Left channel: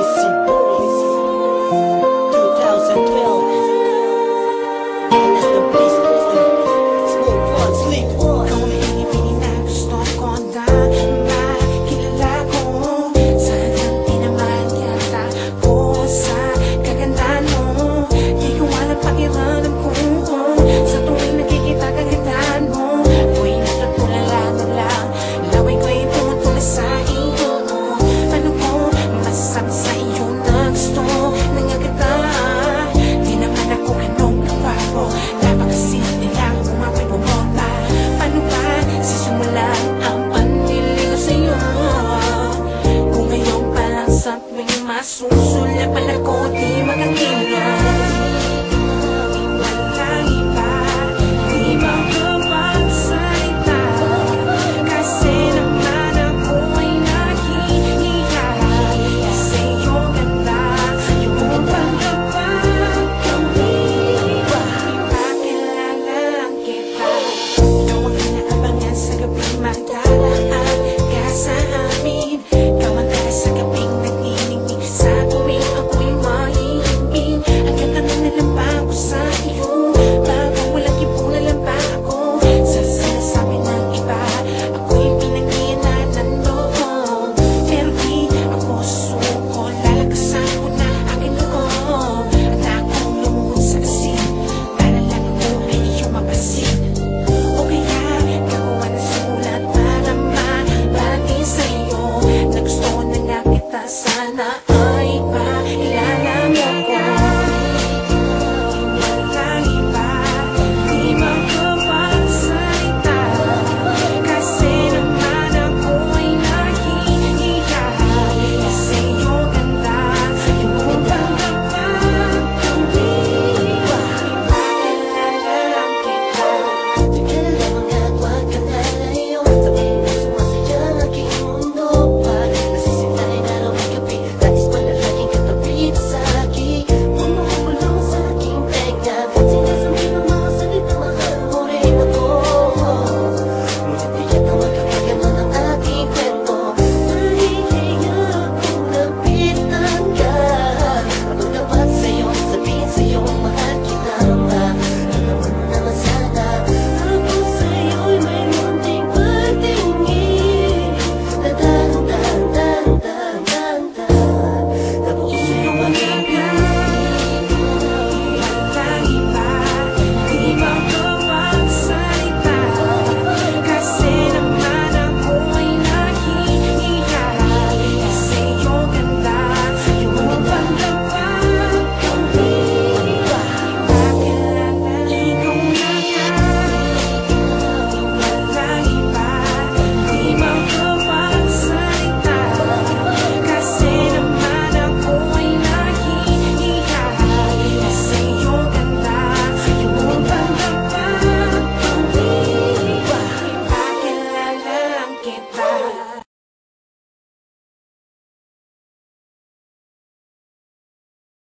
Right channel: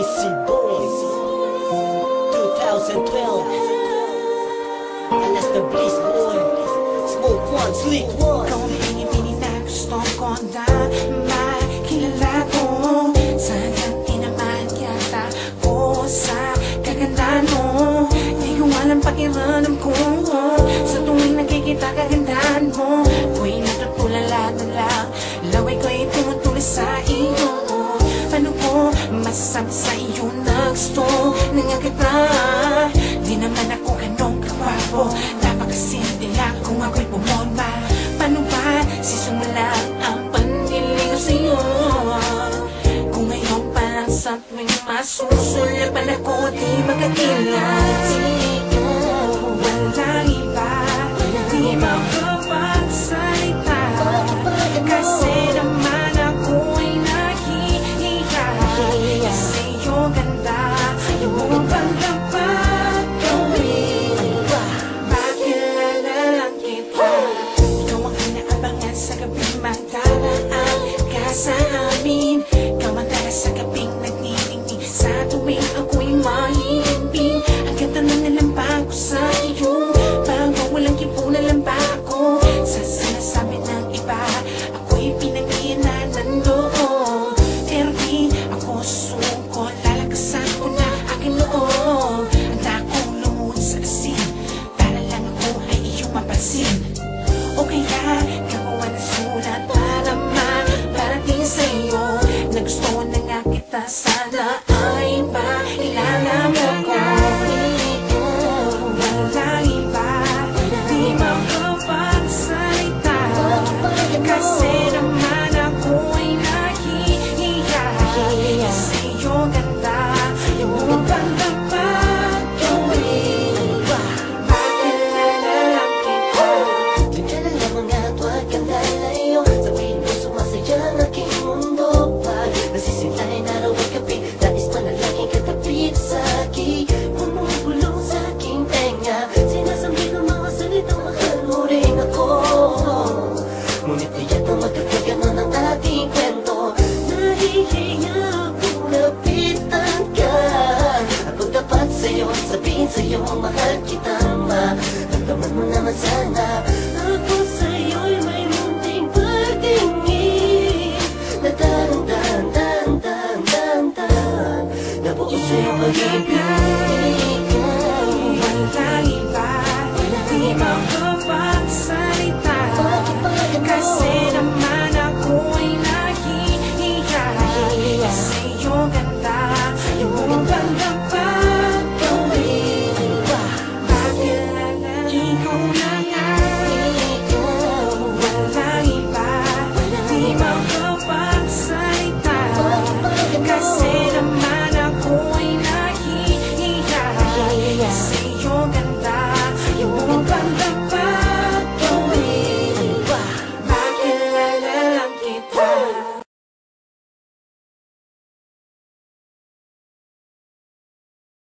Easy Boys 2012. Alas the Bliss Boy, Smoke One, Slick One. Ikaw ang pinipili na gusto ko na makilala ko. Sa ganti naman yata ko sa kagandahan mo. Di ko alam pakiramdam ko sa tuwing nakikita kagandahan mo. Ako'y natutulala na lang, laway ko'y tumutuloy sa iyo. Paano ko masasabi sa iyo na gusto na nga kita? Di naman ako ganong kawapo, napakasimple lang kung ako'y bumomba. Paano ba sisimulan ang paniligaw sa iyo? Kung ngayon pa lang sa tuwing masusulapan ako, di makakilos. Walang iba, di makapagsalita, kasi naman ako'y nahihiya sa iyong ganda. Ayaw mo bang dapat gawin? Ipakilala lang kita. Ikaw ang inaabangan sa gabing magdaraan ka sa amin. Ikaw ang tala sa gabing nagniningning sa tuwing ako'y mahihimbing. Ang ganda na nalampa ko sa iyo, bago walang kipunan lang ba ako sa sinasabi ng iba? Ako'y pinanghinan ng loob, pero di ako suko. Lalakasan ko na aking loob. Handa akong lumuhod sa asin para lang ako ay iyong mapansin. O kaya gagawa ng sulat para maparating sa iyo na gusto na nga kita, sana ay makilala mo ko. Walang iba, di makapagsalita, kasi naman ako'y nahihiya sa iyong ganda. Ayaw mo bang dapat gawin? Ipakilala lang kita. Di ka na lamang at huwag kang lalayo. Sabihin mo sumasaya ang aking mundo. Pag nasisintay na raw ang gabi, nais pa na laging katabi sa akin. Bumubulong sa aking tenga, sinasabi ng mga salita, mahal mo rin ako. Ngunit tiyak na magkakaganon ang ating kwento. Nahihiya kung lapitan ka. Kapag dapat sa'yo, sabihin sa'yo, mahal kita, maramdaman mo naman sana. Ako sa'yo'y may munting pagtingin na dahan-dahan nabuo sa'yo pag-ibig. Walang iba, di makapagsalita, kasi naman ako'y nahihiya sa iyong ganda. Ayaw mo bang dapat gawin? Ipakilala, ikaw na